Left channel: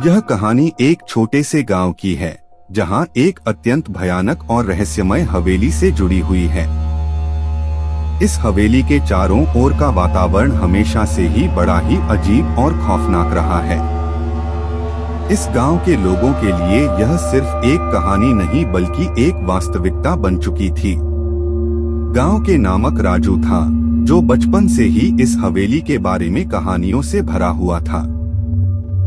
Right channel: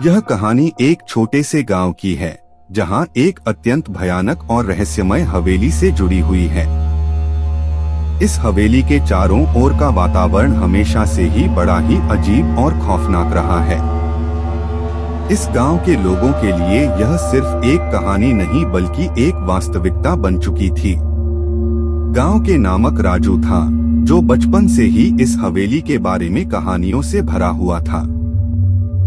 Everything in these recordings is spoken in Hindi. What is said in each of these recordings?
यह कहानी एक छोटे से गांव की है जहां एक अत्यंत भयानक और रहस्यमय हवेली से जुड़ी हुई है। इस हवेली के चारों ओर का वातावरण हमेशा से ही बड़ा ही अजीब और खौफनाक रहा है। इस गांव के लोगों के लिए यह सिर्फ एक कहानी नहीं बल्कि एक वास्तविकता बन चुकी थी। गांव के नामक राजू था जो बचपन से ही इस हवेली के बारे में कहानियों से भरा हुआ था।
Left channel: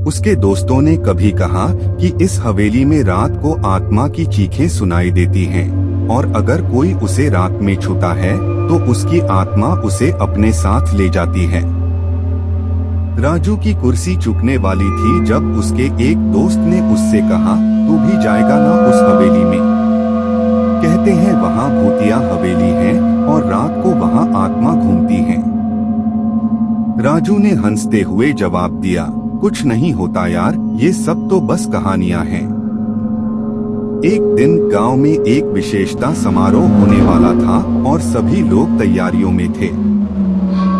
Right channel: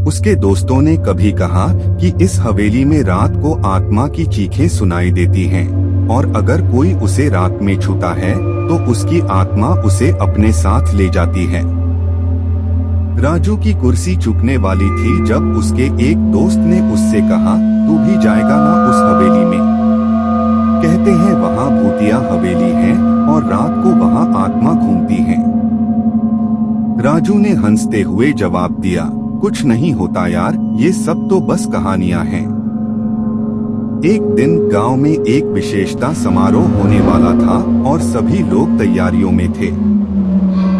उसके दोस्तों ने कभी कहा कि इस हवेली में रात को आत्मा की चीखें सुनाई देती हैं और अगर कोई उसे रात में छूता है तो उसकी आत्मा उसे अपने साथ ले जाती है। राजू की कुर्सी चूकने वाली थी जब उसके एक दोस्त ने उससे कहा, तू भी जाएगा ना उस हवेली में? कहते हैं वहाँ भूतिया हवेली है और रात को वहाँ आत्मा घूमती है। राजू ने हंसते हुए जवाब दिया, कुछ नहीं होता यार, ये सब तो बस कहानियां हैं। एक दिन गांव में एक विशेषता समारोह होने वाला था और सभी लोग तैयारियों में थे।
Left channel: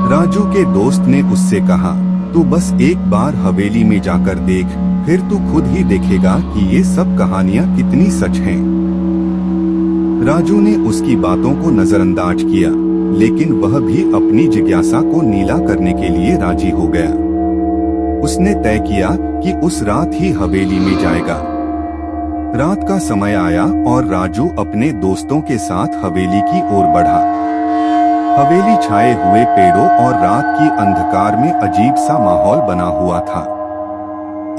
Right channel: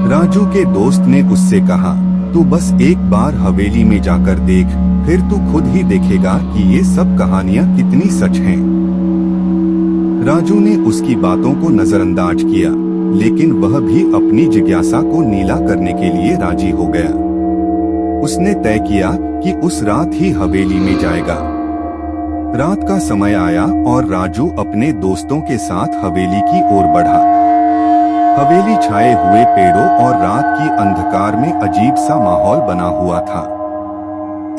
राजू के दोस्त ने उससे कहा, तू बस एक बार हवेली में जाकर देख, फिर तू खुद ही देखेगा कि ये सब कहानियां कितनी सच हैं। राजू ने उसकी बातों को नजरअंदाज किया, लेकिन वह भी अपनी जिज्ञासा को नीला करने के लिए राजी हो गया। उसने तय किया कि उस रात ही हवेली में जाएगा। रात का समय आया और राजू अपने दोस्तों के साथ हवेली की ओर बढ़ा। हवेली छाए हुए पेड़ों और रात की अंधकार में अजीब सा माहौल बना हुआ था।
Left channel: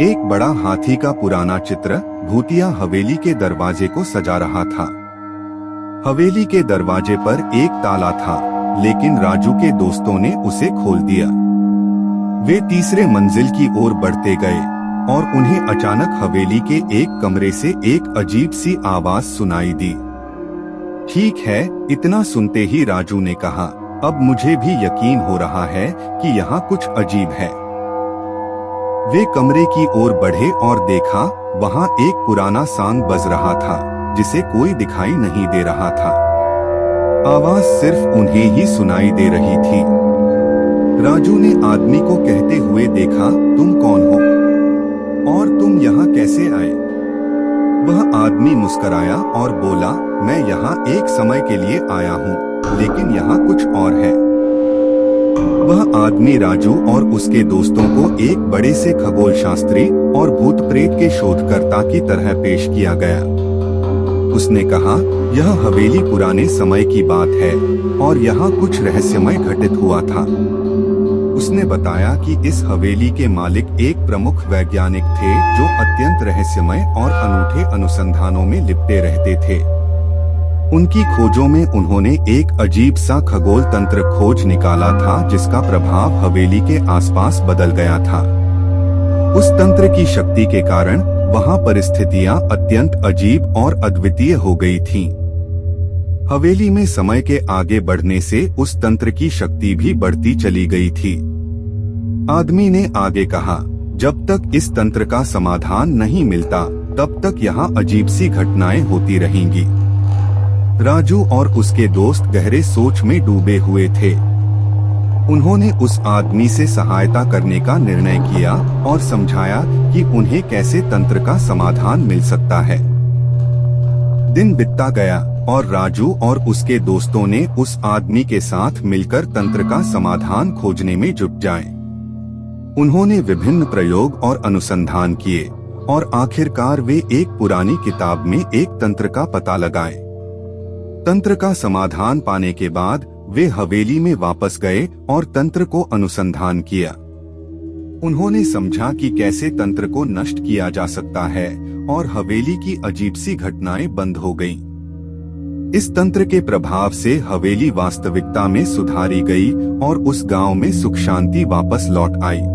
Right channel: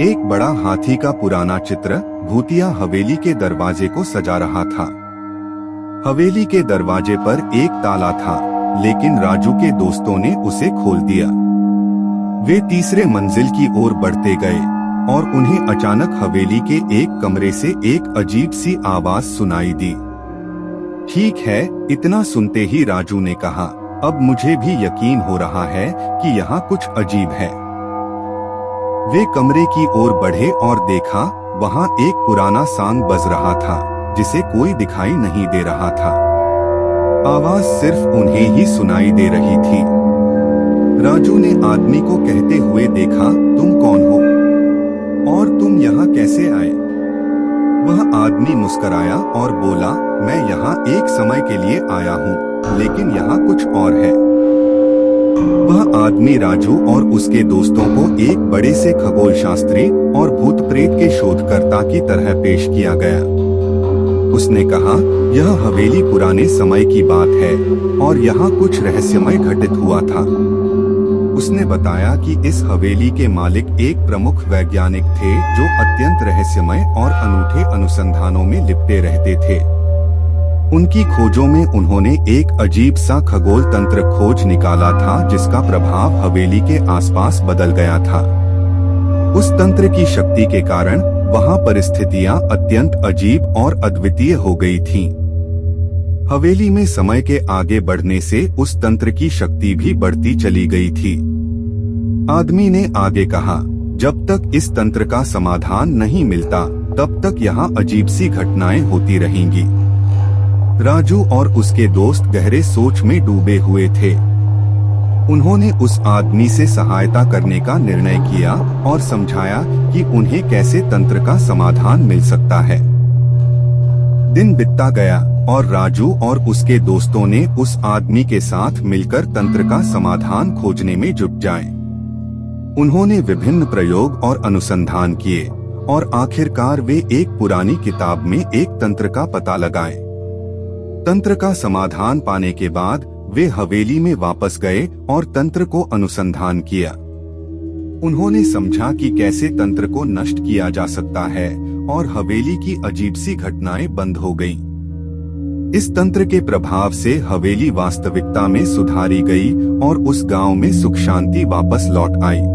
एक बड़ा हाथी का पुराना चित्र भूतिया हवेली के दरवाजे को सजा रहा था। हवेली के दरवाजे पर एक ताला था, लेकिन राजू के दोस्तों ने उसे खोल दिया। वे तीसरे मंजिल की ओर बढ़ते गए और उन्हें अचानक हवेली के एक कमरे से एक अजीब सी आवाज सुनाई दी। ठीक है, इतना सुनते ही राजू ने कहा, अब मुझे भी यकीन हो रहा है कि यहाँ कुछ अजीब है। वे कमरे की ओर बढ़े और देखा, वहाँ एक पुराना सांग बज रहा था जिसे कोई दिखाई नहीं दे रहा था। आवाज सिर्फ उन्हें ही सुनाई दे रही थी। राजू ने आदमी को कहते हुए देखा, तुम कौन हो और तुम यहाँ कैसे आए? वह आदमी मुस्कराया और बोला, मैं यहाँ एक समय के लिए आया हूँ, लेकिन यहाँ कुछ और है। वह आदमी राजू और उसके दोस्तों को एक बड़े से खगोल शास्त्री और भूत प्रेत के शोधकर्ता की तरह पेश किया गया। उसने कहा, यह हवेली पुराने समय की बात है और यहाँ कुछ रहस्यमय घटित हुआ था। उसने बताया कि इस हवेली के मालिक एक प्रमुख वैज्ञानिक थे जो अत्यंत रहस्यमय और अनूठे अनुसंधानों में लिपटे रहते थे। उनकी खोजों में उन्होंने एक अजीब सा खगोल तंत्र खोज निकाला था जिसका प्रभाव हवेली के आसपास बदल गया था। उस तंत्र की शक्ति के कारण वहां परिस्थितियां अत्यंत अजीब और अद्वितीय हो गई थीं। हवेली में समय के आगे बढ़ने से उस तंत्र की शक्ति भी बढ़ती चली गई थी। आदमी ने आगे कहा, जब तक इस तंत्र का समाधान नहीं मिलता तब तक यहाँ अजीब सी घटनाएं होती रहेंगी। राजू और उसके दोस्त गहरे सोच में डूबे हुए थे। उन्होंने उस आदमी से सहायता करने का निर्णय किया और समझाया कि उन्हें कैसे तंत्र का समाधान मिल सकता है। दिन बीतता गया और राजू और उसके दोस्तों ने उस आदमी के साथ मिलकर तंत्र का समाधान खोजने में जुट जाए। उन्होंने विभिन्न प्रयोग और अनुसंधान किए और आखिरकार वे एक पुरानी किताब में एक तंत्र का पता लगाए। तंत्र का समाधान पाने के बाद वे हवेली में वापस गए और तंत्र को अनुसंधान किया। उन्होंने समझा कि कैसे तंत्र को नष्ट किया जा सकता है और हवेली की अजीब सी घटनाएं बंद हो गईं। इस तंत्र के प्रभाव से हवेली वास्तविकता में सुधारी गई और उस गांव में सुख शांति वापस लौट आई।